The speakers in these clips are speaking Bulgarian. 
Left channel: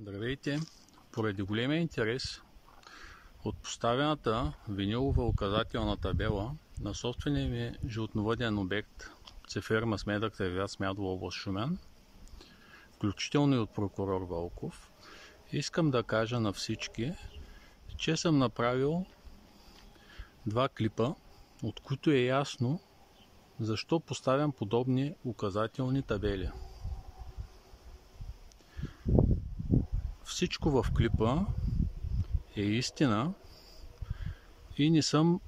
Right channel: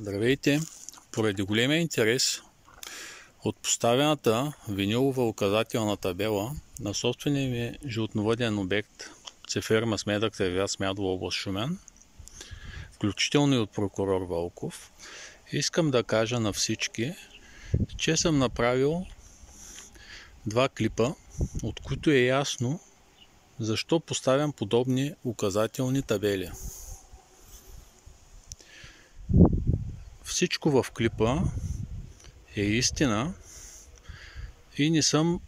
Здравейте! Поради големия интерес от поставената винилова указателна табела на собствения ми животновъден обект Цеферма с медък ревяз Смядова, област Шумен, включително и от прокурор Вълков, искам да кажа на всички, че съм направил два клипа, от които е ясно защо поставям подобни указателни табели. Всичко в клипа е истина и не съм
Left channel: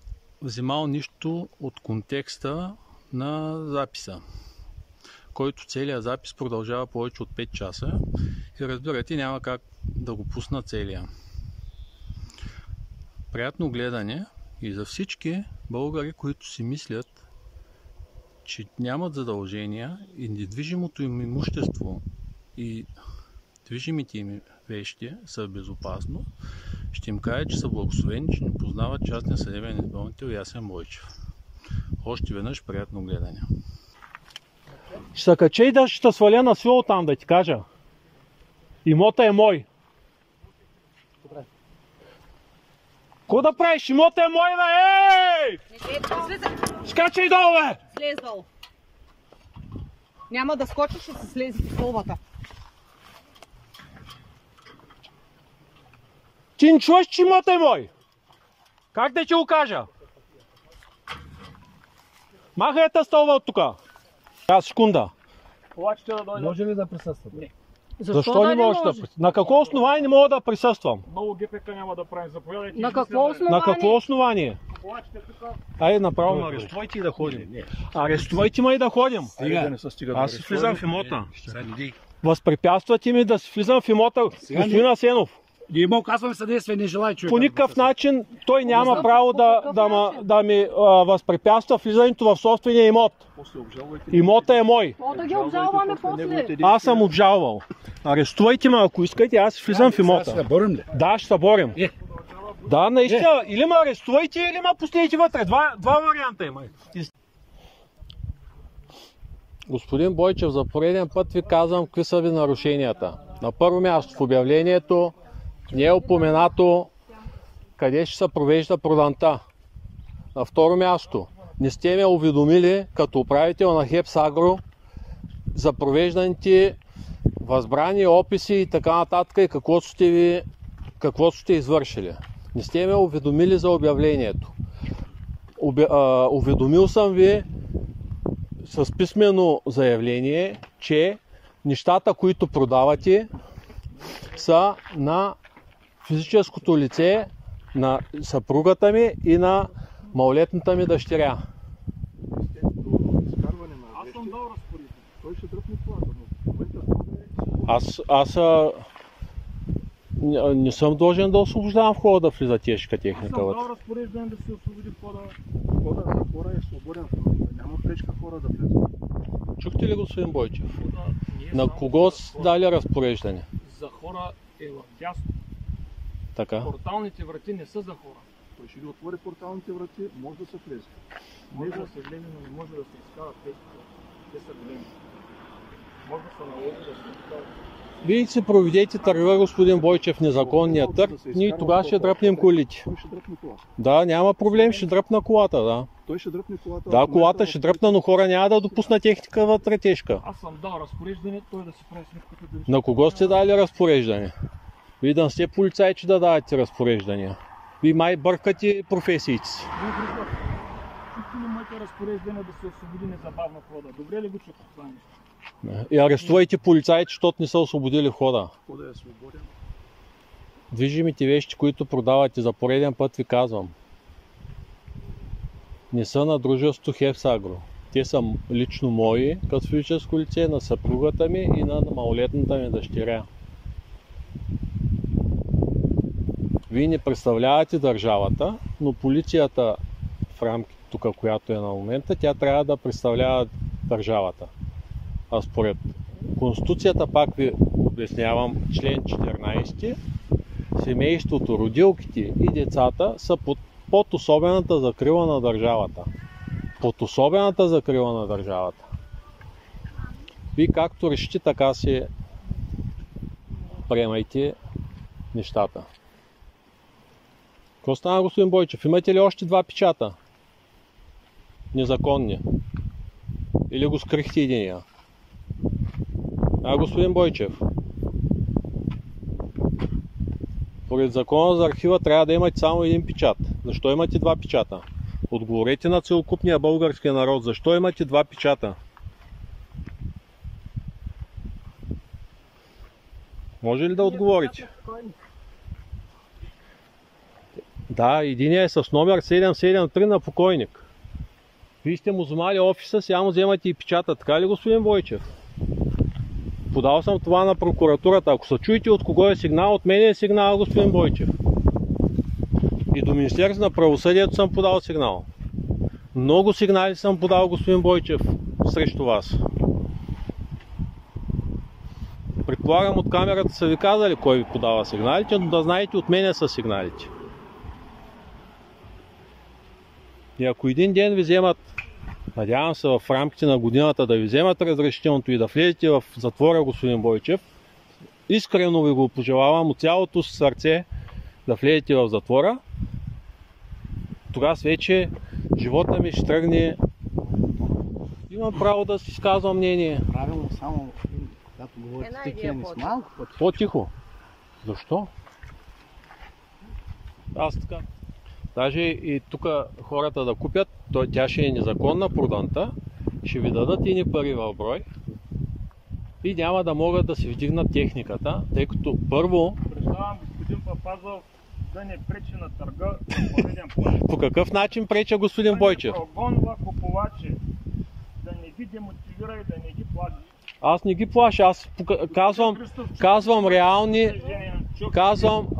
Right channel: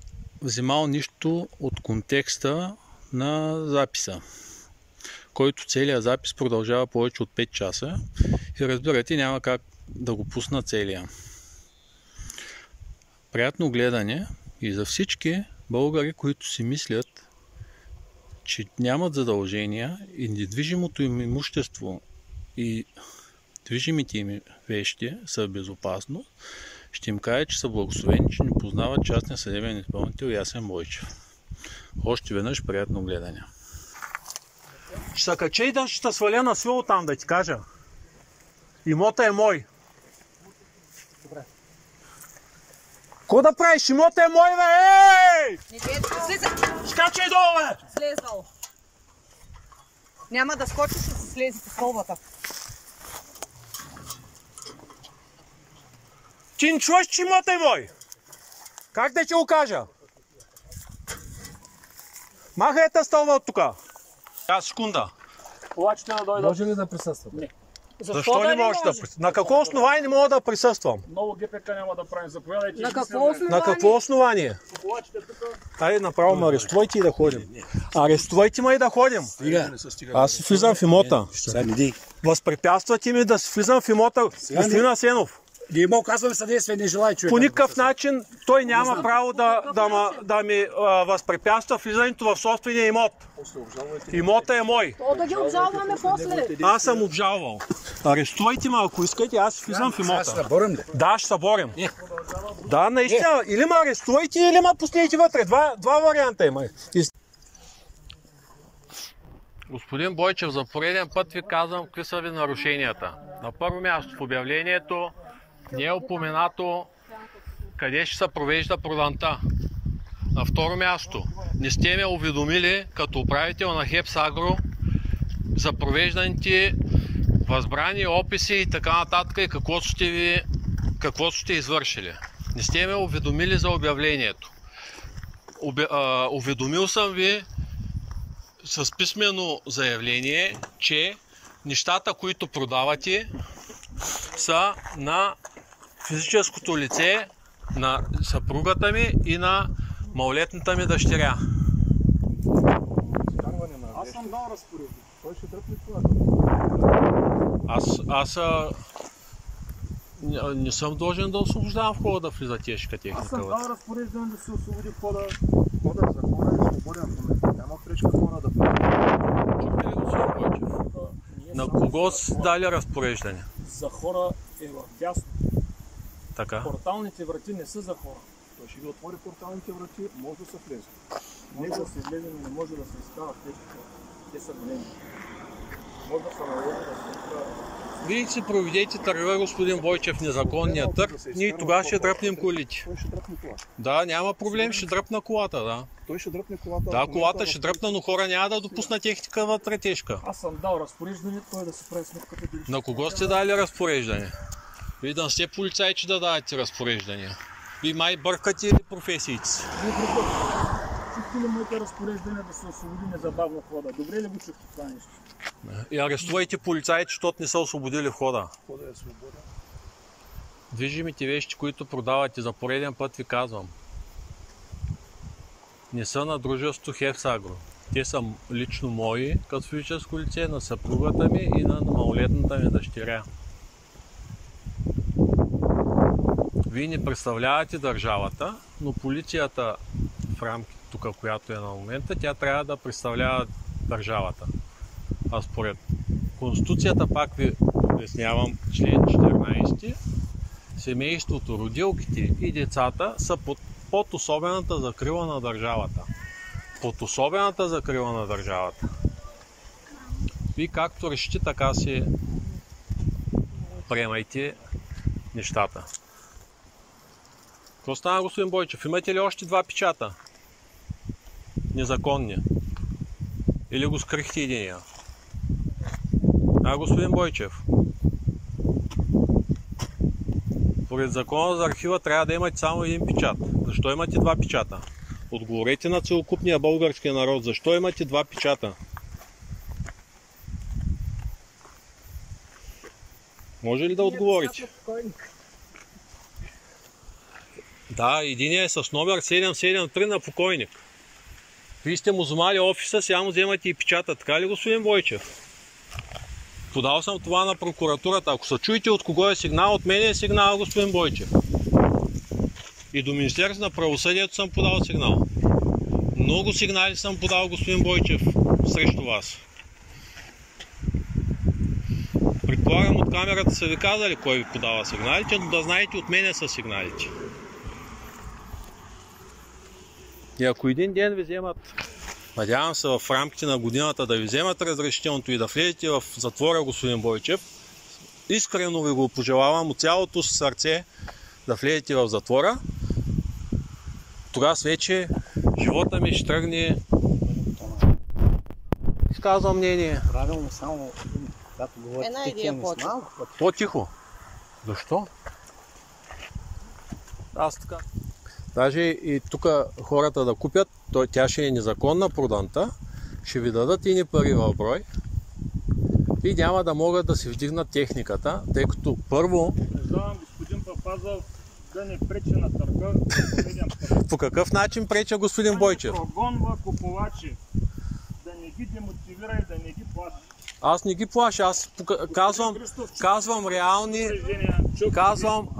взимал нищо от контекста на записа, който целият запис продължава повече от 5 часа и разбирате, няма как да го пусна целия. Приятно гледане и за всички българи, които си мислят, че нямат задължения и недвижимото им имущество и движимите им вещи са безопасно, ще им кажа, че са благословени, че не познават частния съдебен изпълнител Ясен Бойчев. Още веднъж приятно гледане. Ще се кача и да ще сваля на свил там, да ти кажа. Имота е мой. Добре. Ко да правиш? Имота е мой, бе! Ей! Скачай долу, бе! Слез долу. Няма да скочиш, ще се слези по стълбата. Ти не чуваш, че имота е мой? Как да ти го кажа? Махай тази стълба от тука. Секунда. Може ли да присъствате? Не. Защо не можеш да присъствам? На какво основание не мога да присъствам? Много ГПК няма да правим. Заповядайте. На какво основание? На какво основание? Купувачите тук. Айде направо ме арестувайте и да ходим. Арестувайте ме и да ходим. Аз си влизам в имота. Възпрепятствате ми да си влизам в имота, господин Асенов. Ние му казваме съдействие, не желая човек. По никакъв начин той няма право да ми възпрепятства влизането в собствения имот. Имота е мой. Да ги обжалваме после. Аз съм обжалвал. Арестувайте ме, ако искате, аз влизам в имота. Ще се борим ли? Да, ще се борим. Да, наистина. Или ме арестувайте, или ме пуснете вътре. Два варианта има. Господин Бойчев, за пореден път ви казвам какви са ви нарушенията. На първо място в обявлението не е упоменато къде ще се провежда проданта. На второ място не сте ме уведомили като управител на Хепсагро за провежданите възбрани, описи и така нататък и какво сте извършили. Не сте ме уведомили за обявлението. Уведомил съм ви с писмено заявление, че нещата, които продавате, са на физическото лице, на съпругата ми и на малолетната ми дъщеря. Аз съм дал разпоредби. Той ще дръпне колата. Аз не съм должен да освобождавам входа да влиза тежка Аз техника. съм дал разпореждане да се освободи входа. Входа за хора е свободен в момента. Няма пречка хора да влизат. Чухте ли, господин Бойчев? На кого си дали разпореждане? За хора е в дясно. Така. Порталните врати не са за хора. Той ще ви отвори порталните врати, може да се влезе. Не да се влезе, но не може да се става пречка. Те са големи. Може да се наложи да се става. Вие си проведете търга, господин Бойчев, незаконния търг, ние тогава ще дръпнем колите. Той ще дръпне колата. Да, няма проблем, ще дръпна колата, да. Той ще дръпне колата. Да, колата ще дръпна, но хора няма да допусна техника вътре тежка. Аз съм дал разпореждане, той да се прави сметката дали. На кого сте дали разпореждане? Вие да не сте полицаи, че да давате разпореждания. Вие май бъркате професиите си. Чухте ли моите разпореждане да се освободи незабавно входа? Добре ли го чухте това нещо? И арестувайте полицаите, защото не са освободили входа. Входа е свободен. Движимите вещи, които продавате, за пореден път ви казвам, не са на дружеството Хепсагро. Те са лично мои, като физическо лице, на съпругата ми и на малолетната ми дъщеря. Вие не представлявате държавата, но полицията в рамките тук, която е на момента, тя трябва да представлява държавата. А според Конституцията, пак ви обяснявам, член 14, семейството, родилките и децата са под особената закрила на държавата. Под особената закрила на държавата. Вие както решите, така си приемайте нещата. Какво стана, господин Бойчев? Имате ли още 2 печата? Незаконни. Или го скрихте единия? Господин Бойчев. Поред закона за архива трябва да имате само един печат. Защо имате 2 печата? Отговорете на целокупния българския народ. Защо имате 2 печата? Може ли да отговорите? Да, единият е с номер 773 на покойник. Вие сте му вземали офиса, сега му вземате и печата. Така ли, господин Бойчев? Подал съм това на прокуратурата. Ако се чуете от кого е сигнал, от мен е сигнал, господин Бойчев. И до Министерството на правосъдието съм подал сигнал. Много сигнали съм подал, господин Бойчев, срещу вас. Предполагам, от камерата са ви казали кой ви подава сигналите, но да знаете, от мене са сигналите. И ако един ден ви вземат, надявам се в рамките на годината да ви вземат разрешителното и да влезете в затвора, господин Бойчев, искрено ви го пожелавам от цялото си сърце да влезете в затвора. Тогава вече живота ми ще тръгне. Имам право да си изказвам мнение. Правилно, само когато говорите. Една идея по-тихо. По-тихо. Защо? Аз така. Даже и тук хората да купят, тя ще е незаконна проданта, ще ви дадат ини пари в брой и няма да могат да си вдигнат техниката, тъй като първо... Предавам господин Папазов да не пречи на търга за пореден път. По какъв начин преча господин Бойчев? Да не прогонва купувачи, да не ги демотивира и да не ги плаши. Аз не ги плаша, аз казвам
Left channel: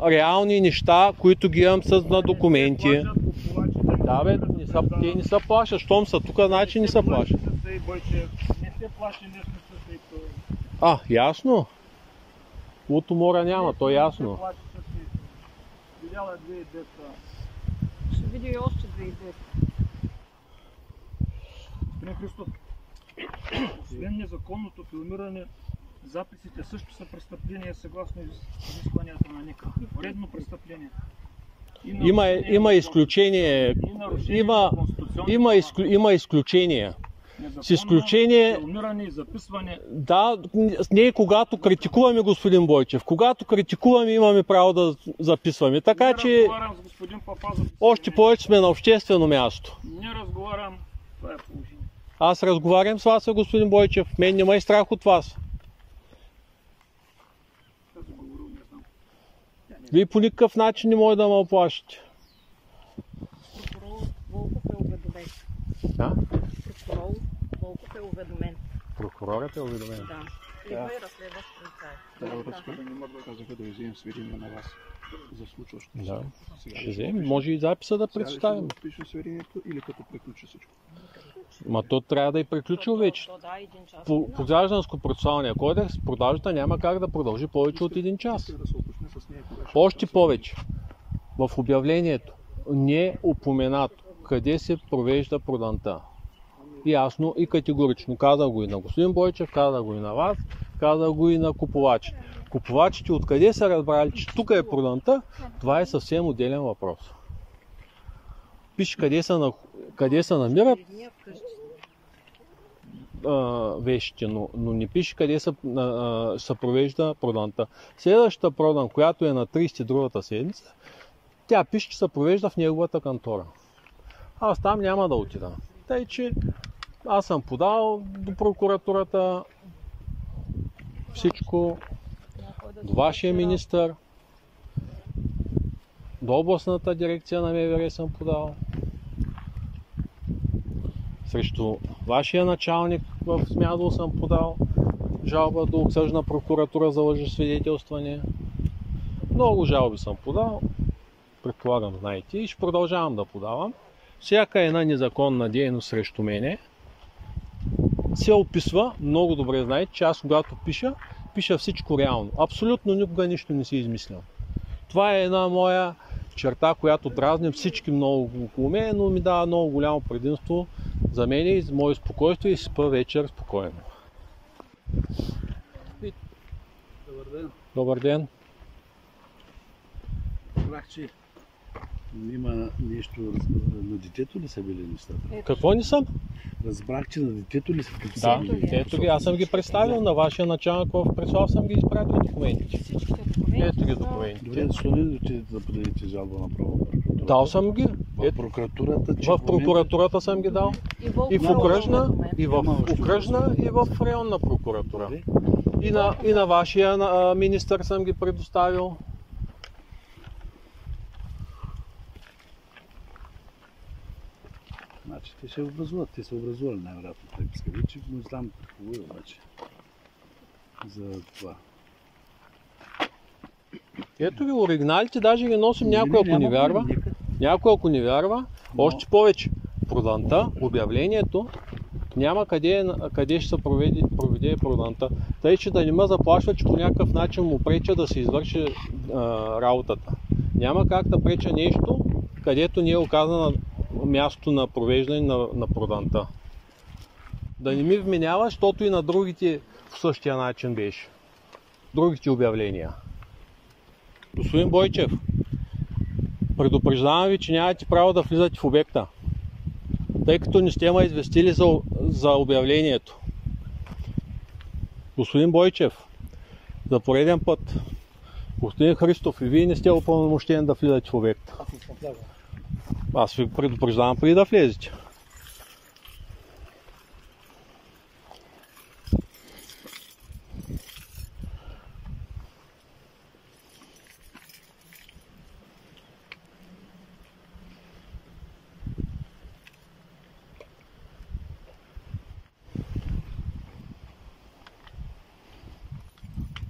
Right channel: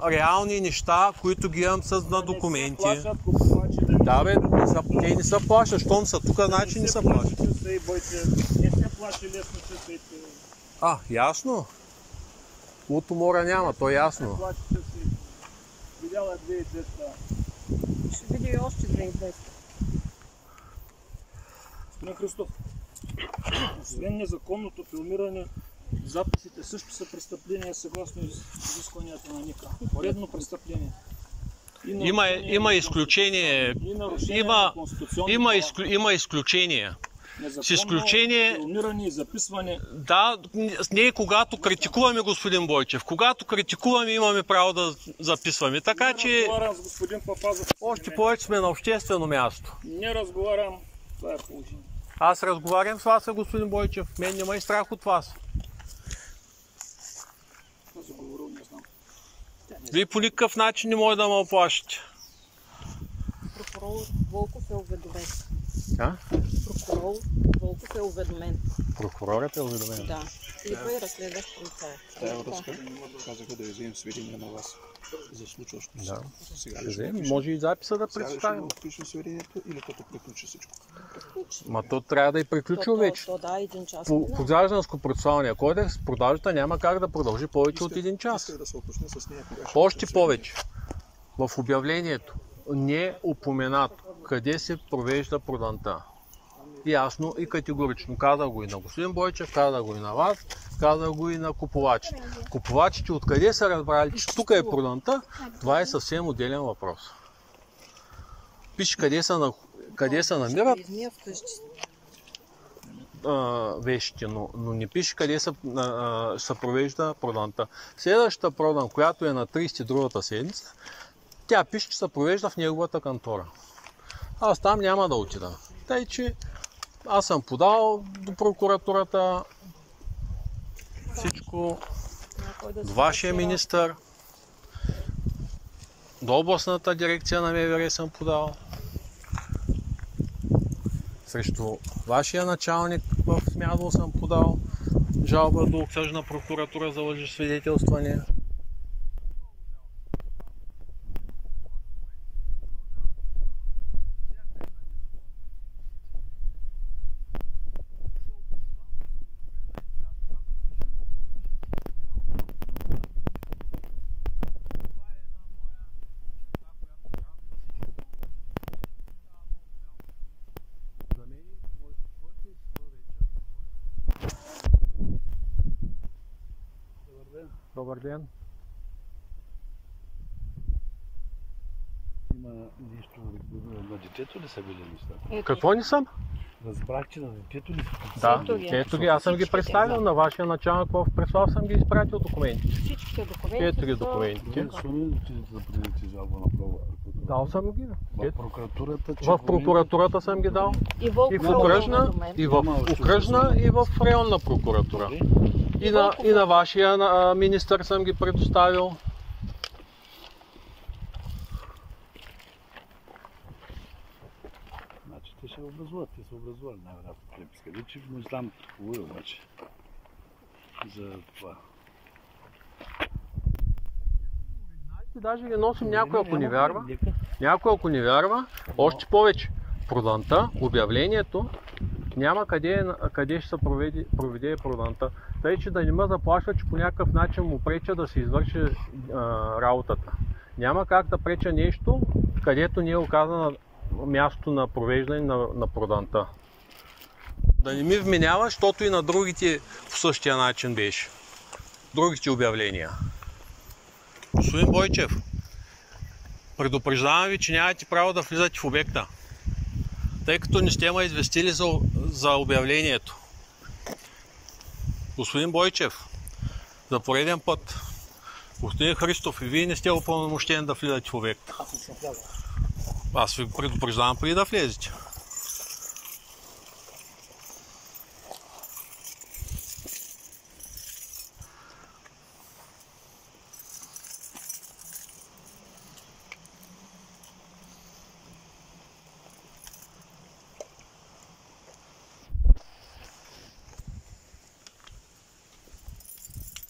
реални неща, които ги имам на документи. Да бе, те не са плашат, щом са тук, значи не са плашат. Не се плаши лесно часето. Ясно. От умора няма, то е ясно. Видяла 2200. Ще види още 2200. Господин Христов, освен незаконното филмиране, записите също са престъпления съгласно изискванията на НИК. Поредно престъпление. Има изключение. Има изключение. С изключение... филмиране и записване. Да, ние когато критикуваме, господин Бойчев, когато критикуваме, имаме право да записваме. Така че още повече сме на обществено място. Не разговарям, това е положение. Аз разговарям с вас, господин Бойчев. Мен няма и страх от вас. Вие по никакъв начин не може да ме оплашите. Прокурор Волков е уведомен. Прокурор Волков е уведомен. Прокурорът е уведомен? Да. Идва и разследващ полицай. Това е връзка. Казаха да вземем сведения на вас за случващото. Да. Ще вземем. Може и записа да представим. Ще пишем сведението или като приключи всичко? Ма то трябва да и приключил вече. По гражданско-процесуалния кодекс продажата няма как да продължи повече от 1 час. Още повече. В обявлението не е упоменато къде се провежда проданта. Ясно и категорично. Казах го и на господин Бойчев, казах го и на вас, казах го и на купувачите. Купувачите откъде са разбрали, че тук е проданта, това е съвсем отделен въпрос. Пише къде се намират вещите, но не пише къде се провежда проданта. Следващата продан, която е на 30 другата седмица, тя пише, че се провежда в неговата кантора. Аз там няма да отида. Тъй, че аз съм подал до прокуратурата всичко, до вашия министър, до областната дирекция на МВР съм подал, срещу вашия началник в Смядово съм подал жалба до окръжна прокуратура за лъжесвидетелстване. Много жалби съм подал, предполагам, знаете, и ще продължавам да подавам. Всяка една незаконна дейност срещу мене се описва, много добре знаете, че аз когато пиша всичко реално. Абсолютно никога нищо не си измислям. Това е една моя черта, която дразни всички много около мен, но ми дава много голямо предимство за мен и за мое спокойствие и спа вечер спокойно. Добър ден. Разбрах, че има нещо на детето ли са били нещата? Какво не съм? Разбрах, че на детето ли са Да, ето ги. Аз съм ги представил на вашия началник в Преслав, съм ги изпратил документите. Всичките документи. Ето ги документите. Защо не отидете да подадете жалба на прокуратурата? Дал съм ги. В прокуратурата съм ги дал. И Волков И в е окръжна, уведомен. и в окръжна, и в районна прокуратура. И на вашия министър съм ги предоставил. Значи те ще образуват, те са образували най-вероятно преписка. Вече не знам какво е обаче за това. Ето ви оригиналите, даже ги носим някой ако не вярва. Някой ако не вярва, още повече. Проданта, обявлението, няма къде ще се проведе проданта. Тъй, че да не ме заплашва, че по някакъв начин му преча да се извърши работата. Няма как да преча нещо, където не е оказано място на провеждане на проданта. Да не ми вменява, защото и на другите по същия начин беше. Другите обявления. Господин Бойчев, предупреждавам ви, че нямате право да влизате в обекта, тъй като не сте ме известили за обявлението. Господин Бойчев, за пореден път, господин Христов, и вие не сте упълномощени да влизате в обекта. Аз не съм влязал. Аз ви предупреждавам преди да влезете.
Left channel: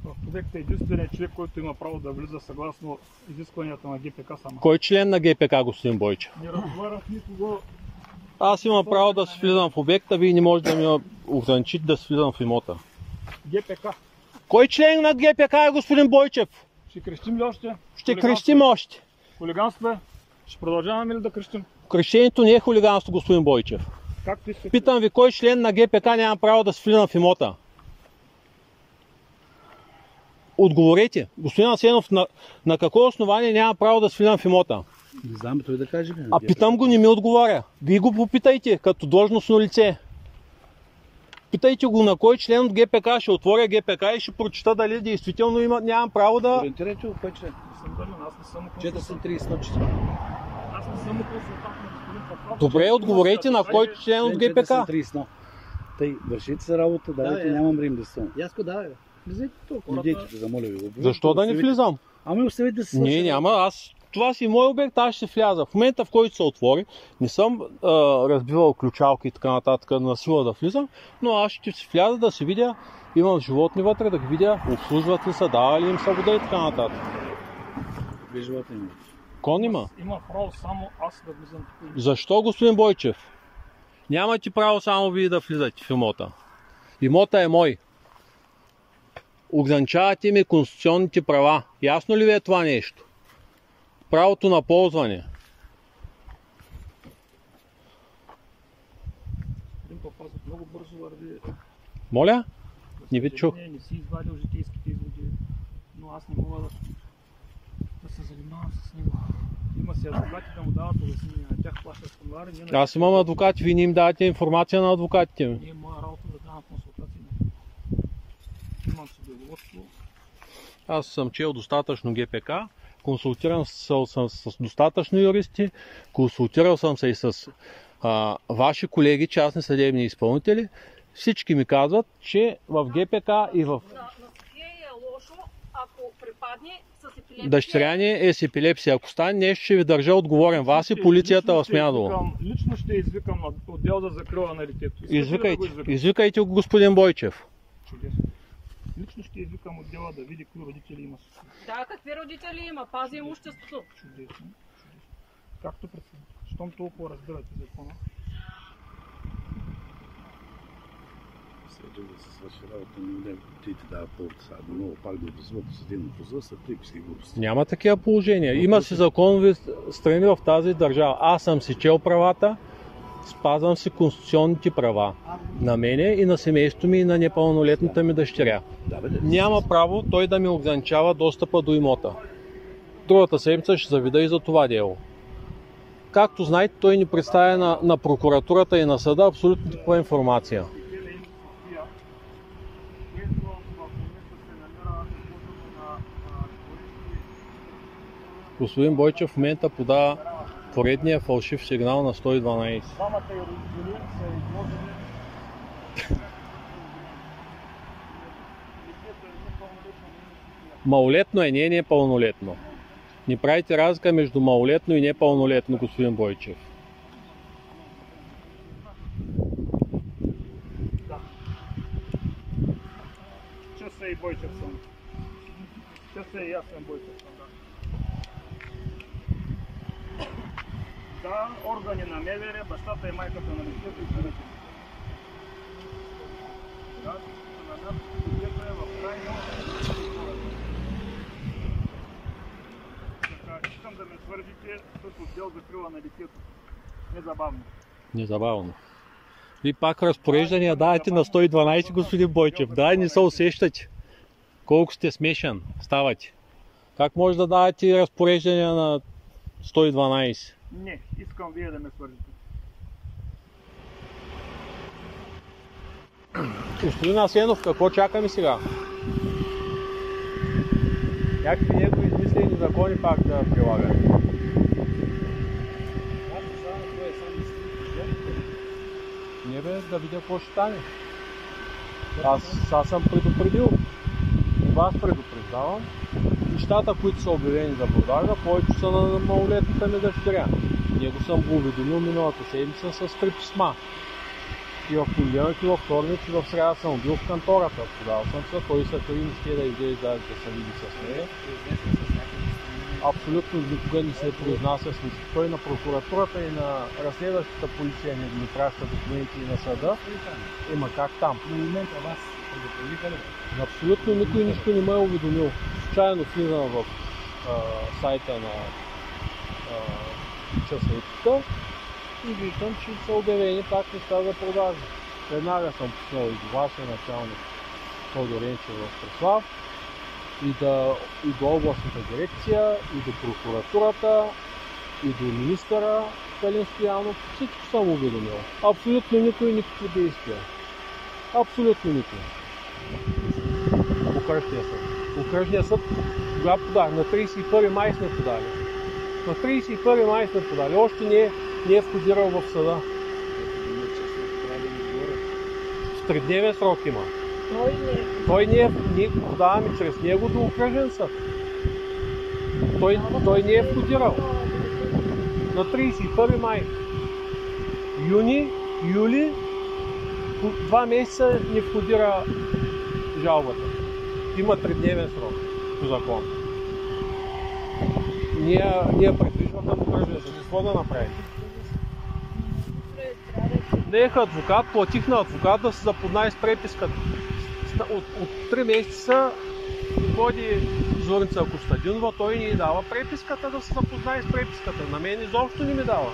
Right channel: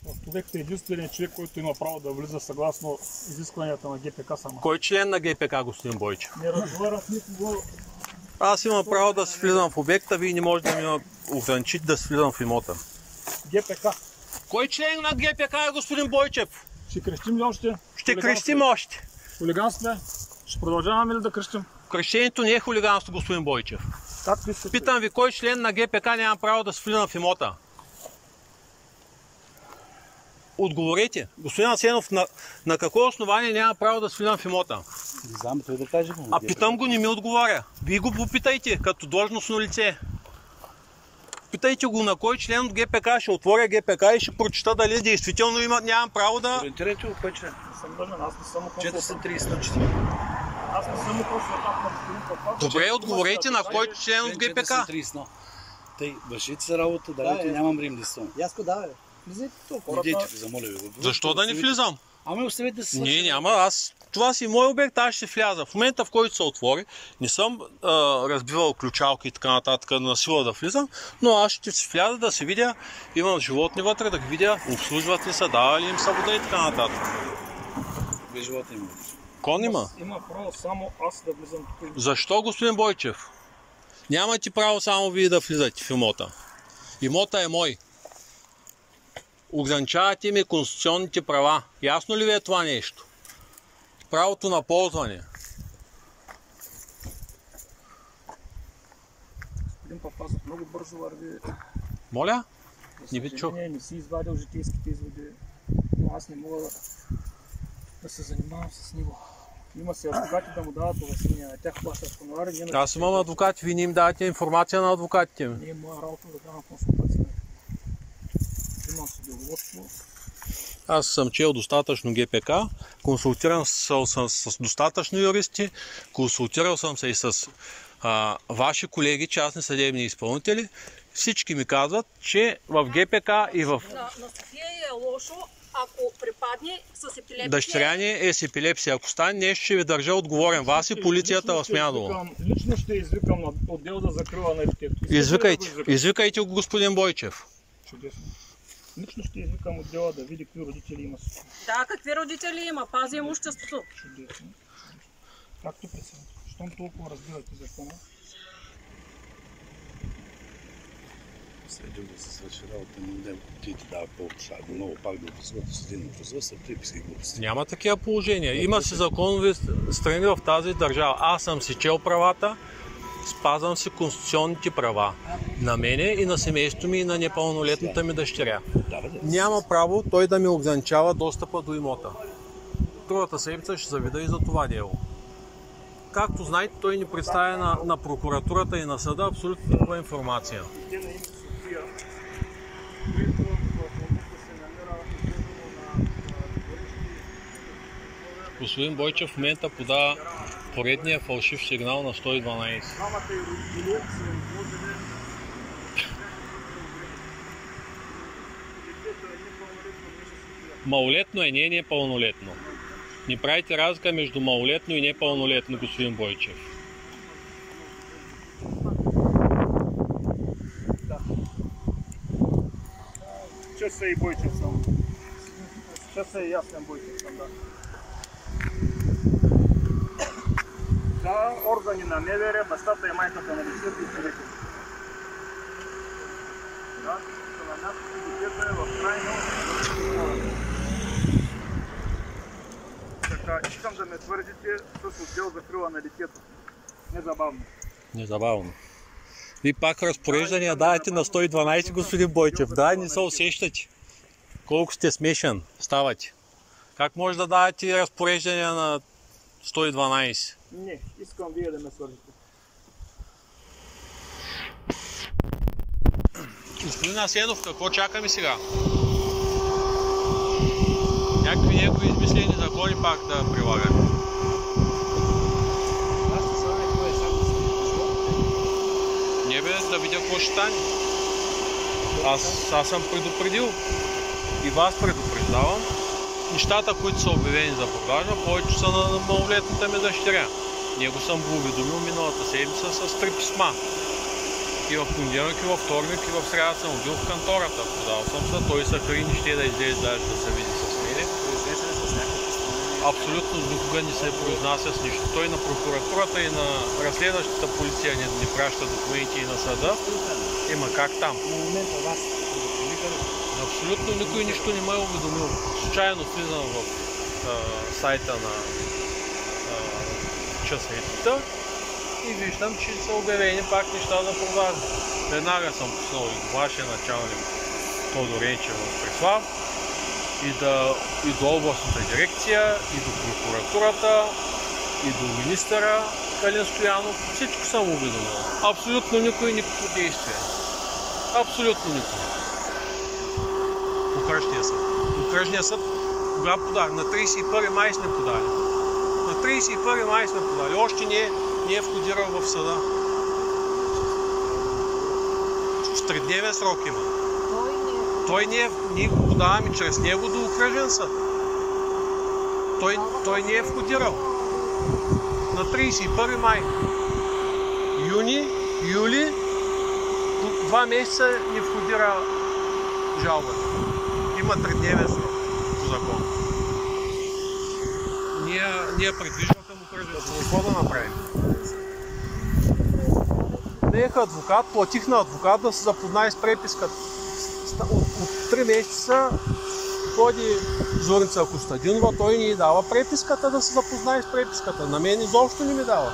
В обекта е единственият човек, който има право да влиза съгласно изискванията на ГПК само. Кой член на ГПК, господин Бойчев? Не разговарям с никого. Аз имам право да влизам в обекта, вие не можете да ми ограничите да влизам в имота. ГПК. Кой член на ГПК е господин Бойчев? Ще крещим ли още? Ще крещим още. Хулиганство е. Ще продължаваме ли да крещим? Крещението не е хулиганство, господин Бойчев. Както искате. Питам ви, кой член на ГПК няма право да влизам в имота? Отговорете. Господин Асенов, на какво основание няма право да влизам в имота? Не знам, той да каже. А питам го, не ми отговаря. Вие го попитайте, като длъжностно лице. Питайте го на кой член от ГПК, ще отворя ГПК и ще прочита дали действително нямам право да... Ориентирайте го, кой член? Не съм дълен, аз не съм консултант. 430. Аз не съм консултант на господин Папа. Добре, отговорете на кой член от ГПК. 430. Тъй, вършите се работа, давайте, нямам време да съм. Яско, давай. Влизайте тук. Идете, замоля ви. Защо да не влизам? Ами оставете да се... Не, няма. Това си мой обект, аз ще вляза. В момента, в който се отвори, не съм разбивал ключалки и така нататък на сила да влизам, но аз ще си вляза да се видя, имам животни вътре, да ги видя, обслужват ли са, дава ли им са вода и така нататък. Вие животни има. Кон има? Има право само аз да влизам тук. Защо, господин Бойчев? Нямате право само вие да влизате в имота. Имота е мой. Ограничавате ми конституционните права. Ясно ли ви е това нещо? Правото на ползване. Господин Папазов много бързо върви. Моля? Не ви чух. Не си извадил житейските изводи, но аз не мога да се занимавам с него. Има си адвокати да му дават улеснения, на тях плащат хонорари. Аз имам адвокати, вие не им давате информация на адвокатите ми. Не е моя работа да давам консултация. Имам си деловодство. Аз съм чел достатъчно ГПК, консултирал съм с достатъчно юристи, консултирал съм се и с ваши колеги, частни съдебни изпълнители. Всички ми казват, че в ГПК и в... На София е лошо, ако припадне с епилепсия. Дъщеря ни е с епилепсия. Ако стане нещо, ще ви държа отговорен. Вас и полицията в Смядово. Лично ще извикам на отдел за закрила на детето. Извикайте го, господин Бойчев. Чудесно. Лично ще извикам отдела да види какви родители има. Да, какви родители има? Пази имуществото. Чудесно. Както прецените. Щом толкова разбирате закона. След да се свърши работа, не ти дава повод, много пак да образуват съдебно производство, приписки и глупости. Няма такива положения. Има си законови страни в тази държава. Аз съм си чел правата спазвам си конституционните права. На мене и на семейството ми и на непълнолетната ми дъщеря. Няма право той да ми ограничава достъпа до имота. Другата седмица ще заведа и за това дело. Както знаете, той ни представя на прокуратурата и на съда абсолютно такова информация. Господин Бойчев в момента подава поредния фалшив сигнал на 112. Малолетно е, не е непълнолетно. Не правите разлика между малолетно и непълнолетно, господин Бойчев. Часа и Бойчев съм. Часа и аз съм Бойчев съм, да. Да, органи на МВР, бащата и майката на лицето и човека. Да, на нас лицето е в крайна. Така, искам да ме твърдите с отдел закрила на детето. Незабавно. Незабавно. И пак разпореждания давате на 112, господин Бойчев. Да, не се усещате. Колко сте смешен ставате. Как може да давате разпореждания на 112? Не, искам вие да ме свържете. Господин Асенов, какво чакаме сега? Някакви негови измислени закони пак да прилагаме. Не бе, да видя какво ще стане. Аз съм предупредил и вас предупреждавам. Нещата, които са обявени за продажа, повече са на малолетната ми дъщеря. Него съм го уведомил миналата седмица с 3 писма. И в понеделник, и във вторник, и в сряда съм бил в кантората. Подал съм се, той се кри, не ще да излезе даже да се види с мене. Абсолютно никога не се произнася с нищо. Той на прокуратурата и на разследващата полиция не праща документи и на съда. Има как там. Абсолютно никой нищо не ме е уведомил. Случайно влизам в сайта на часовитата и виждам, че са обявени пак неща за продажа. Веднага съм пуснал и до вашия началник Тодор Енчев в Преслав, и до областната дирекция, и до прокуратурата, и до министъра Калин Стоянов. Всичко съм уведомил. Абсолютно никой никакво действие. Абсолютно никой. Окръжния съд. Окръжния съд кога подали? На 31 май сме подали. На 31 май сме подали. Още не е входирал в съда. В 3-дневен срок има. Той ние го подаваме чрез него до окръжен съд. Той не е входирал. На 31 май. Юни, юли, 2 месеца не входира жалбата. Има 3-дневен срок по закон. Ние предвиждаме да окръжен съд. Какво да направим? Наеха адвокат, платих на адвокат да се запознае с преписката. От 3 месеца ходи Зорница Костадинова, той ни дава преписката да се запознае с преписката. На мен изобщо не ми дава.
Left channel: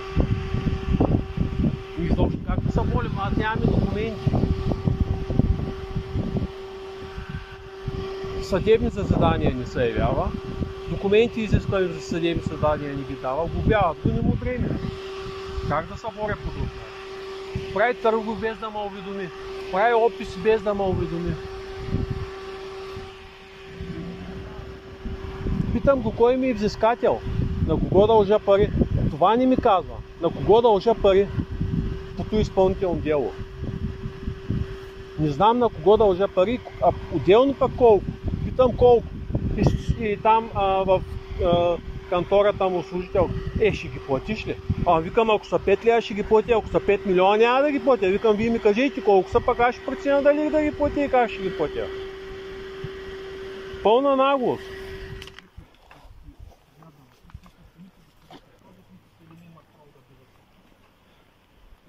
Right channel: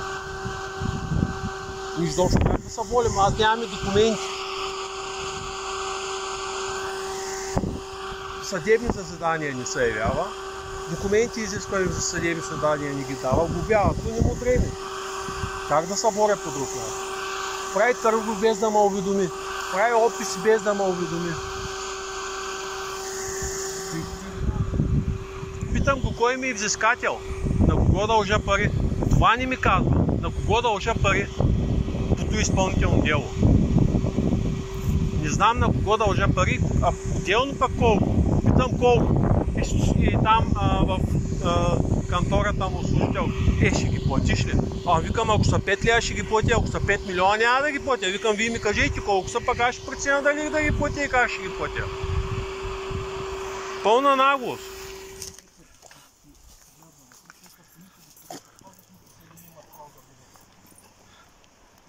Изобщо как да се молим, аз нямам документи. Съдебни заседания не се явява. Документи изисквани за съдебни заседания не ги дава. Глобяват, не му време. Как да се боря по друг начин? Прави търгове без да ме уведоми. Прави описи без да ме уведоми. Питам го кой ми е взискател, на кого дължа пари. Това не ми казва. На кого дължа пари по това изпълнително дело. Не знам на кого дължа пари, а отделно пък колко. Питам колко. И там в кантората му служител, ще ги платиш ли? Викам, ако са 5 лева ще ги платя, ако са 5 милиона няма да ги платя. Викам, вие ми кажете колко са, пък аз ще преценя дали да ги платя и как ще ги платя. Пълна наглост.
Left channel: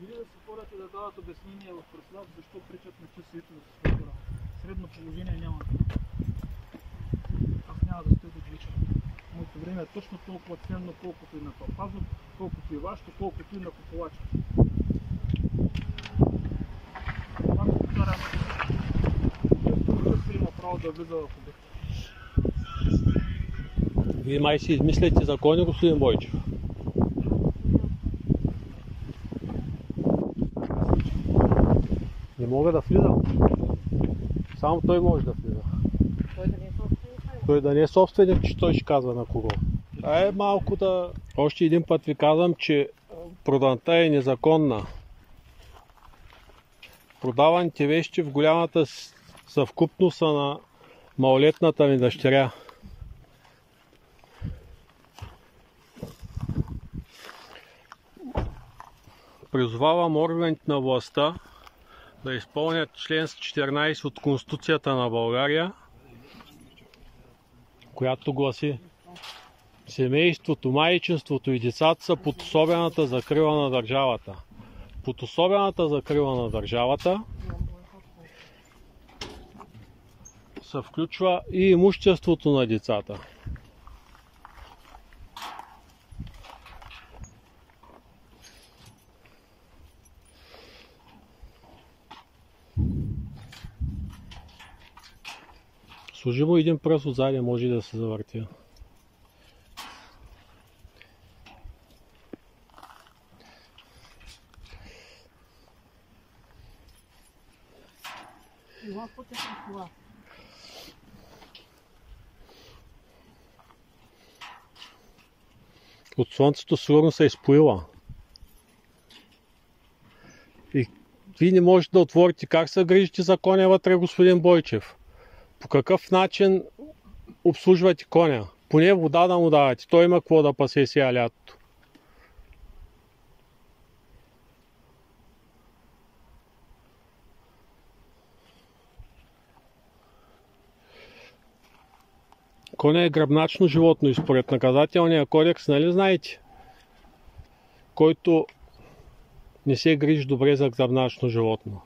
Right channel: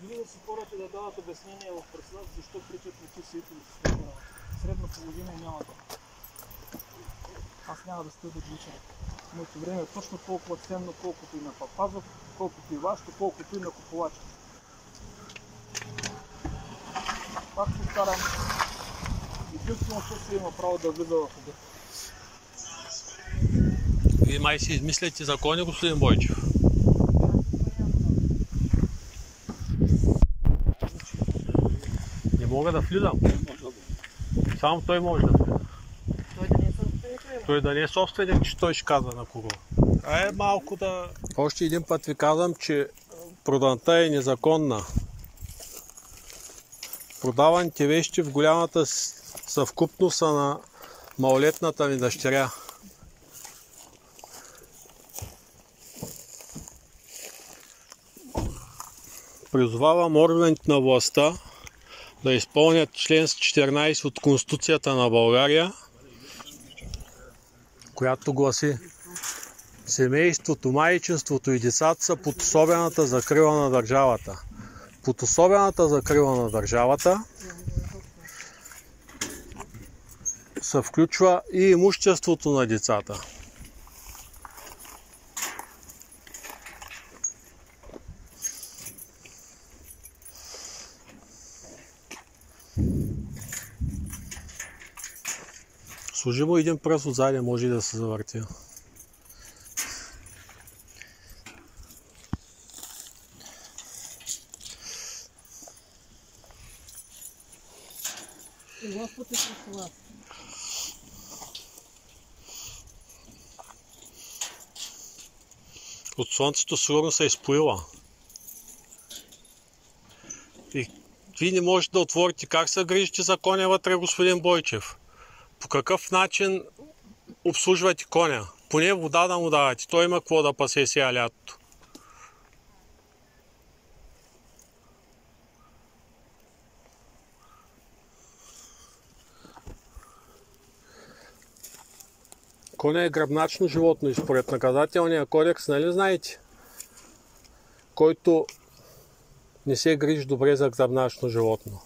Или да се хората да дадат обяснение в Преслав, защо причат на часите от степера. Средна половина няма. Аз няма да стоя да гличам. Моето време е точно толкова ценно, колкото и на Папазов, колкото и вашето, колкото и на Куполача. кара. Също има право да влиза в обект. Вие май си измисляте закони, господин Бойчев. Не мога да влизам. Само той може да влиза. Той да не е собственик, че той ще казва на кого. Малко да... Още един път ви казвам, че проданта е незаконна. Продаваните вещи в голямата съвкупност са на малолетната ми дъщеря. Призовавам органите на властта да изпълнят член 14 от Конституцията на България, която гласи: семейството, майчинството и децата са под особената закрила на държавата. Под особената закрила на държавата се включва и имуществото на децата. Служи му един пръст отзади, може и да се завърти. От слънцето сигурно се е изпоила. И вие не можете да отворите как се грижите за коня вътре, господин Бойчев. По какъв начин обслужвате коня? Поне вода да му давате. Той има какво да пасе сега лятото. Коня е гръбначно животно и според наказателния кодекс, нали знаете? Който не се грижи добре за гръбначно животно.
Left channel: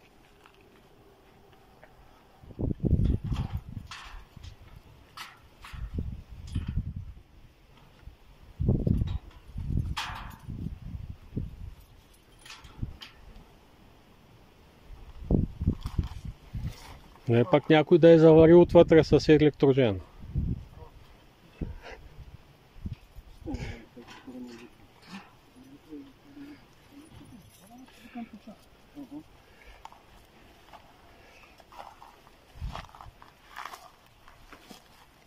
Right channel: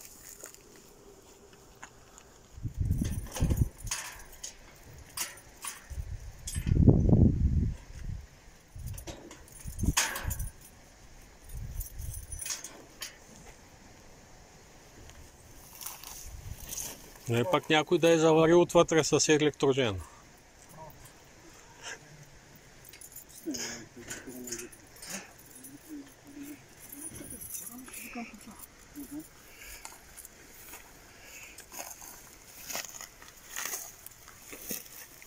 Не е пак някой да е заварил отвътре с електрожен.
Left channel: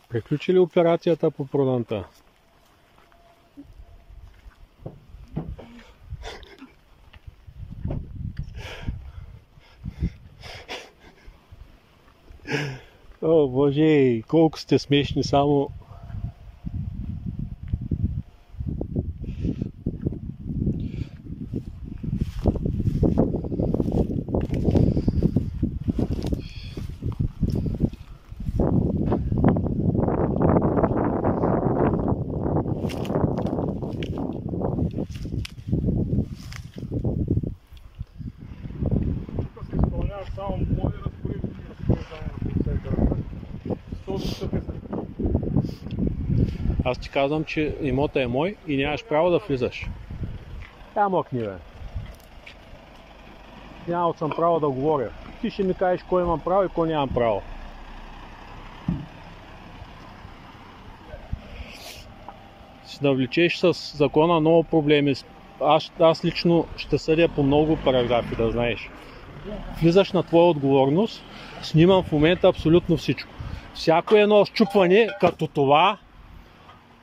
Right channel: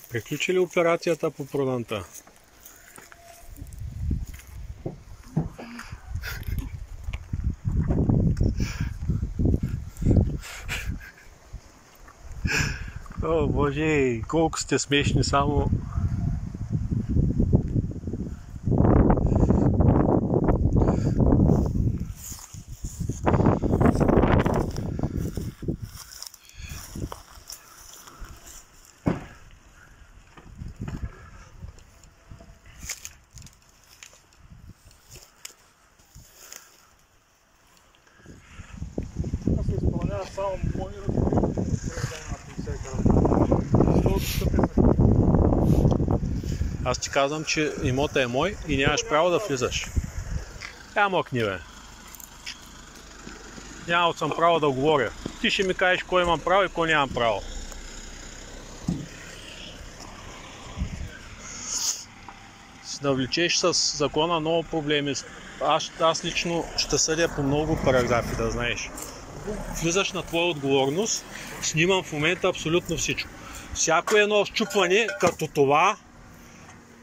Приключи ли операцията по проданта? О, Боже, колко сте смешни, само... Само моли Аз ти казвам, че имота е мой и нямаш право да влизаш. Мокни, бе. Нямал съм право да говоря. Ти ще ми кажеш кой имам право и кой нямам право. Си да влечеш с закона много проблеми. Аз лично ще съдя по много параграфи, да знаеш. Влизаш на твоя отговорност, снимам в момента абсолютно всичко. Всяко едно счупване, като това...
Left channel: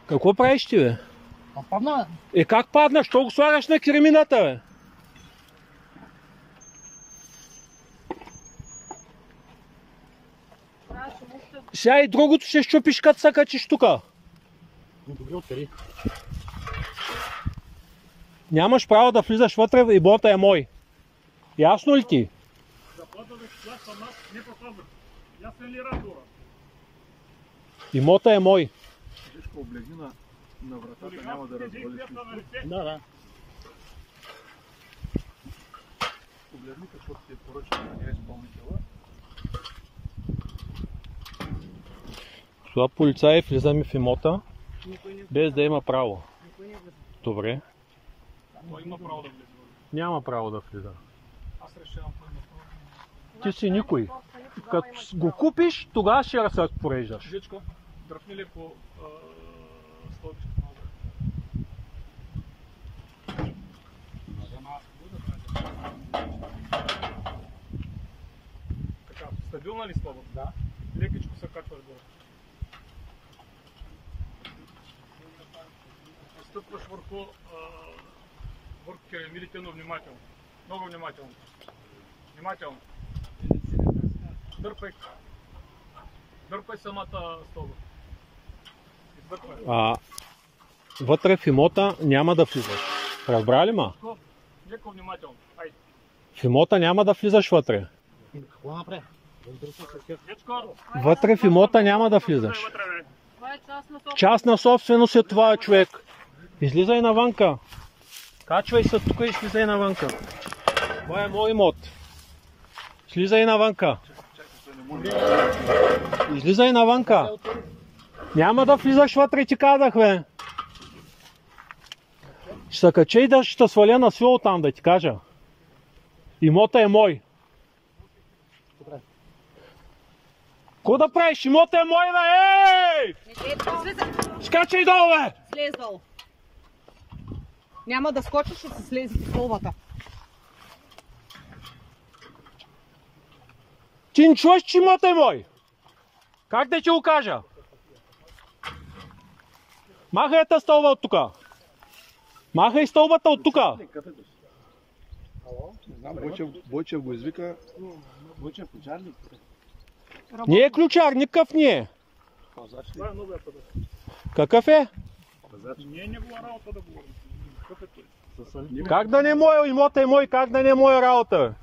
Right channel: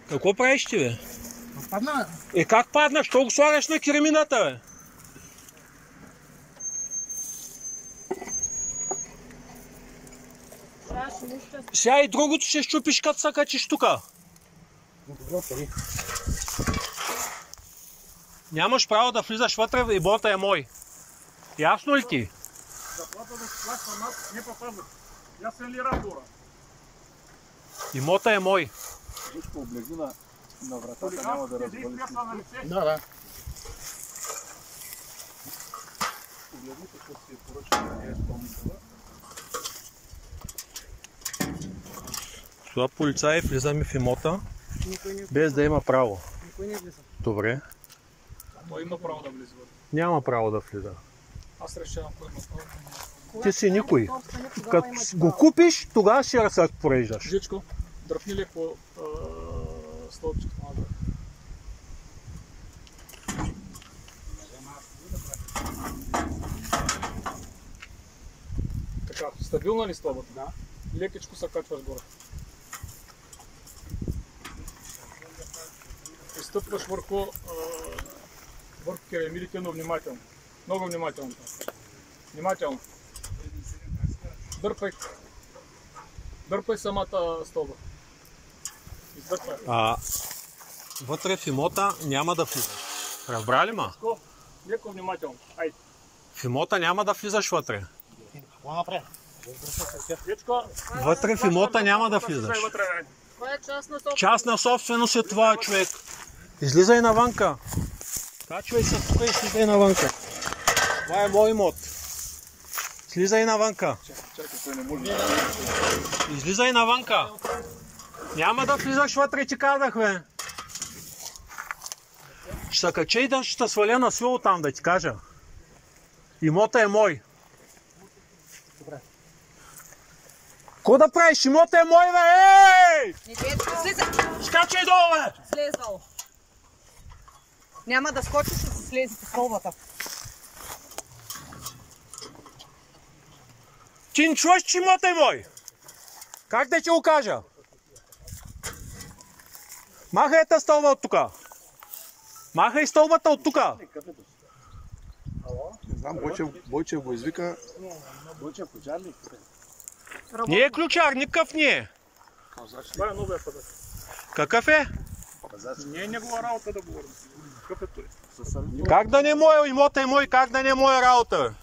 Какво правиш ти, бе? Падна. Как падна? Що го слагаш на керамината, бе? Сега и другото ще счупиш, като се качиш тука. Нямаш право да влизаш вътре, имота е мой. Ясно ли ти? Имота е мой. Виж, облегни на вратата, няма да развалиш нищо. Да. Погледни какво си е поръчал да не е изпълнителя. Това полицаи влизаме в имота, без да има право. Никой не влиза. Добре. Той има право да влиза. Няма право да влиза. Аз решавам кой има право. Ти си никой. Като го купиш, тогава ще се разпореждаш. Жичко, дръпни леко стълбчето назад. Така, стабилна ли стълбата? Да. Лекичко се качваш горе. И стъпваш върху керамидите, но внимателно. Много внимателно. Внимателно. Дърпай. Дърпай самата стълба. Издърпай. Вътре в имота няма да влизаш. Разбрали ма? Леко внимателно. Айде. В имота няма да влизаш вътре. Какво направи? Вътре в имота няма да влизаш. Това е частна собственост. Частна собственост е това, човек. Излизай навънка. Качвай се тук и слизай навънка. Това е мой имот. Слизай навънка. Излизай навънка. Няма да влизаш вътре, ти казах, бе. Ще се кача и да ще сваля на свил там, да ти кажа. Имота е мой. Ко да правиш? Имота е мой, бе! Ей! Скачай долу, бе! Слез долу. Няма да скочиш, ще се слези по стълбата. Ти не чуваш, че имота е мой? Как да ти го кажа? Махай тази стълба от тука. Махай стълбата от тука. Не знам, Бойчев го извика. Бойчев ключарник. Не е ключар, никакъв не е. Това е новия пазач. Какъв е? Не е негова работа да говорим. Какъв е той? Как да не е мой? Имота е мой, как да не е моя работа?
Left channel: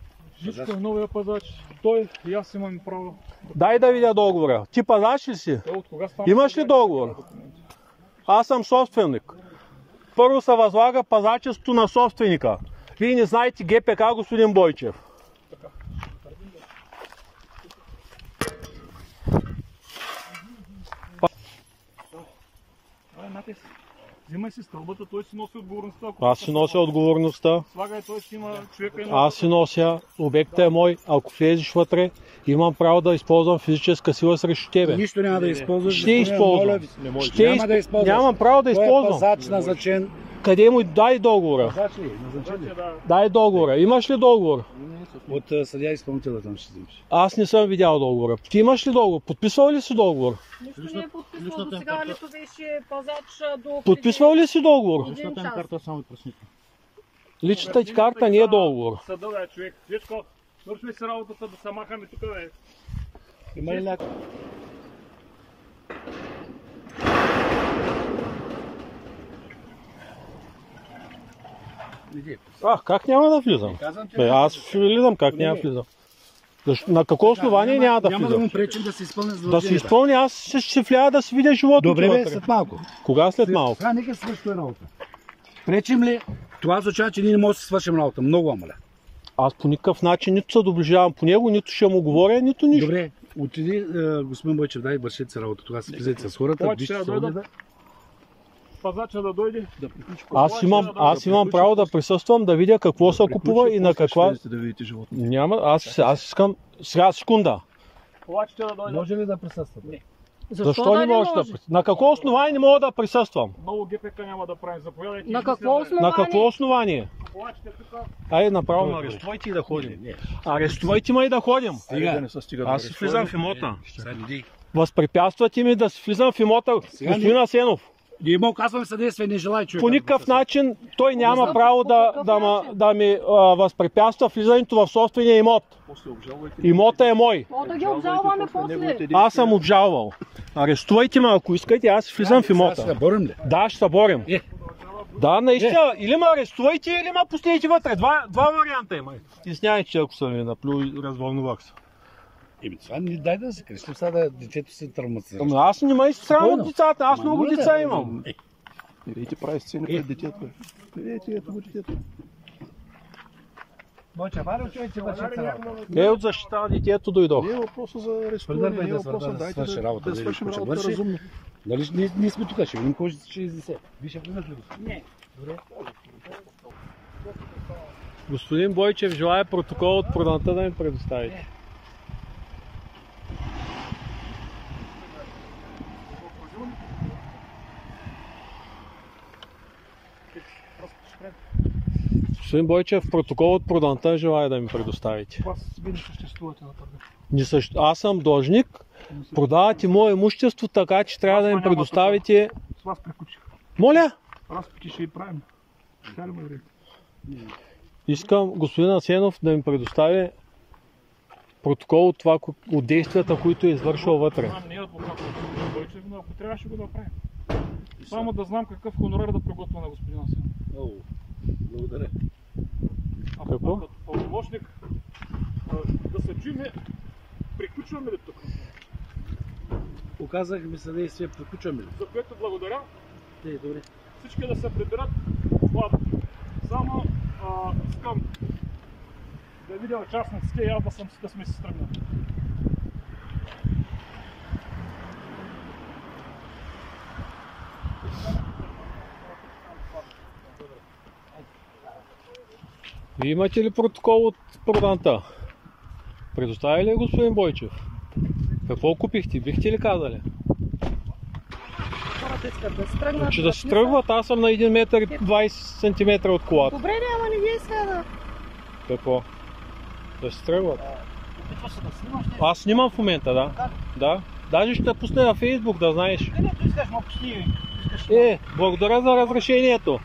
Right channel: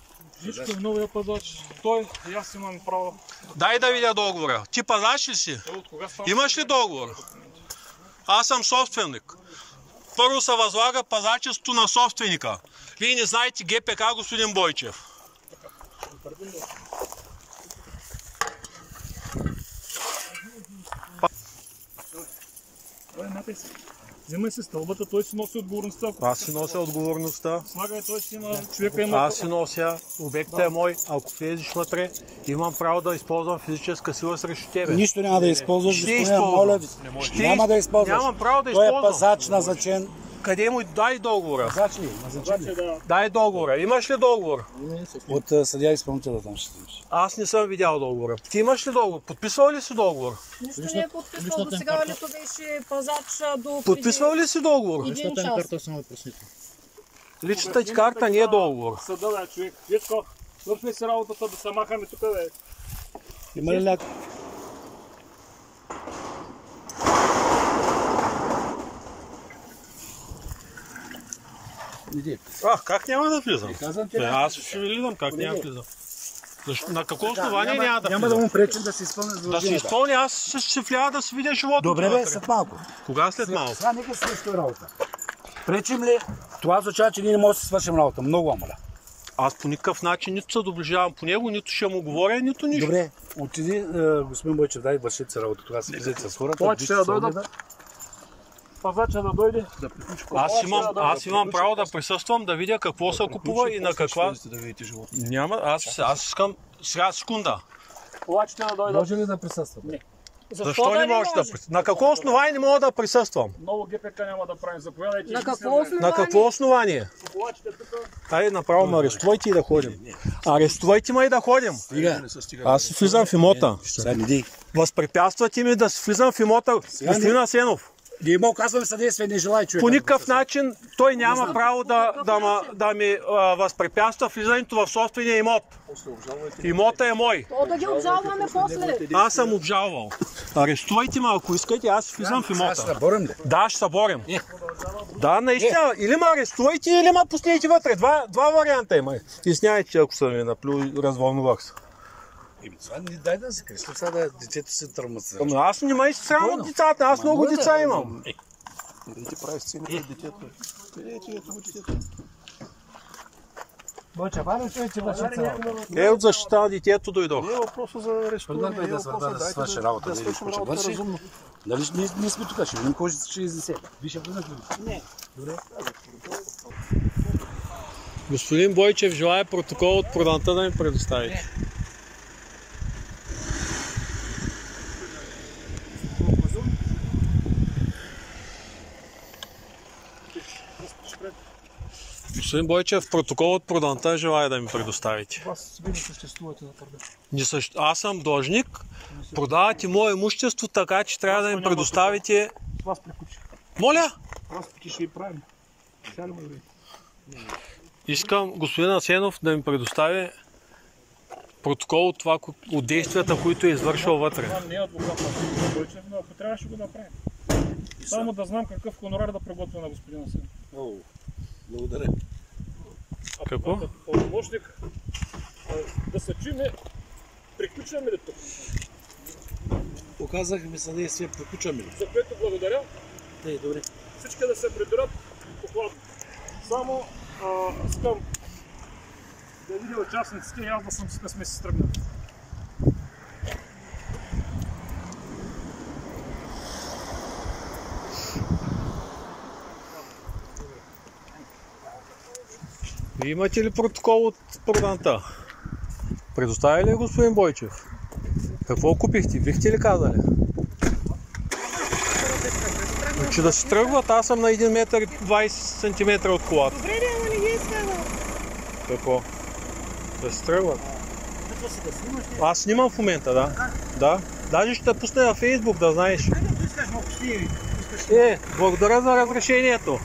Жичко е новия пазач. Той и аз имам право. Дай да видя договора. Ти пазач ли си? Той от кога става? Имаш ли договор? Аз съм собственик. Първо се възлага пазачеството на собственика. Вие не знаете ГПК, господин Бойчев. Взимай си стълбата, той си носи отговорността. Аз си нося отговорността. Слагай, той си има човека има. Аз си нося, обектът е мой, ако влезеш вътре, имам право да използвам физическа сила срещу тебе. Нищо няма да използваш. Ще използвам. Няма да използваш. Нямам право да Той е използвам. пазач назначен. Къде му дай договора? Пазач ли? Назначен ли? Дай договора. Имаш ли договор? От съдия изпълнителя там ще взимаш. Аз не съм видял договора. Ти имаш ли договор? Подписвал ли си договор? Нищо не е подписвал до сега, лето беше пазач до Подписвал ли си договор? един час. само пръснито. Личната ти карта не е договор. Съда, бе, човек. Жичко, върши си работата да се махаме тук, бе. Има ли някой? Как няма да влизам? Аз ще влизам, как няма да влизам? На какво основание няма да Няма да влизам? му пречим да се изпълни Да се задълженията. изпълни, аз ще вляда да си видя живота. Добре, бе, след малко. Кога след малко? Сега нека свърши работа. Пречим ли? Това означава, че ние не можем да си свършим работа. Много вам моля. Аз по никакъв начин нито се доближавам по него, нито ще му говоря, нито нищо. Добре, отиди, господин Бойчев, дай вършите си работа. Тогава си влизайте с хората. Повече ще да дойдат. Пазача да дойде. Аз имам право да присъствам, да видя какво се купува и на каква... Няма, аз искам... Сега секунда. Повече да дойдат. Може ли да присъствате? Не. Защо не можеш да присъствам? На какво основание не мога да присъствам? Много ГПК няма да правим. Заповядайте. На какво основание? На какво основание? Повече тук. Айде направо ме арестувайте и да ходим. Арестувайте ме и да ходим. Аз си влизам в имота. Възпрепятствате ми да си влизам в имота, господин Асенов. Ние му оказваме съдействие, не желая човек. По никакъв начин той няма право да ми възпрепятства влизането в собствения имот. Имота е мой. Да ги обжалваме после. Аз съм обжалвал. Арестувайте ме, ако искате, аз влизам в имота. Ще се борим ли? Да, ще се борим. Да, наистина. Или ме арестувайте, или ме пустите вътре. Два варианта има. Изняйте, ако съм ви наплю, развълнувах се. Това не дай да се крещи, сега да детето се травматизира. Ама аз не ме срам от децата, аз много деца имам. Къде ти прави сцени пред детето? Къде ти ето детето? Бойче, баре, че вършите работа. От защита на детето дойдох. Не е въпроса за арестуване. Преди да свърши работа, да видиш какво ще върши. Дали ние сме тук, ще видим кой ще изнесе. Виж, влизат ли? Не. Добре. Господин Бойчев желая протокол от проданта да ми предоставите. Господин Бойчев, протокол от проданта желая да ми предоставите. Вас вие не съществувате на търга. Аз съм длъжник, продавате мое имущество, така че трябва да ми предоставите... С вас приключих. Моля? Разпити ще ви правим. Сега ли ме говорите? Искам господин Асенов да ми предостави протокол от, това, от действията, които е извършил вътре. Това не е адвокат на господин Бойчев, но ако трябва ще го направим. Само да знам какъв хонорар да приготвя на господин Асенов. Много. Благодаря. Какво? Пълномощник да се чуме, приключваме ли тук? Оказахме съдействие, приключваме ли? За което благодаря. Не, добре. Всички да се приберат платно. Само искам да видя участниците и аз да сме си стръгнали. Вие имате ли протокол от проданта? Предоставя ли господин Бойчев? Какво купихте? Бихте ли казали? Че да се тръгват, аз съм на 1 метър и 20 см от колата. Добре, ама не ги изказа. Какво? Да се тръгват. Аз снимам в момента, да. Да. Даже ще пусна на Фейсбук, да знаеш. Благодаря за разрешението.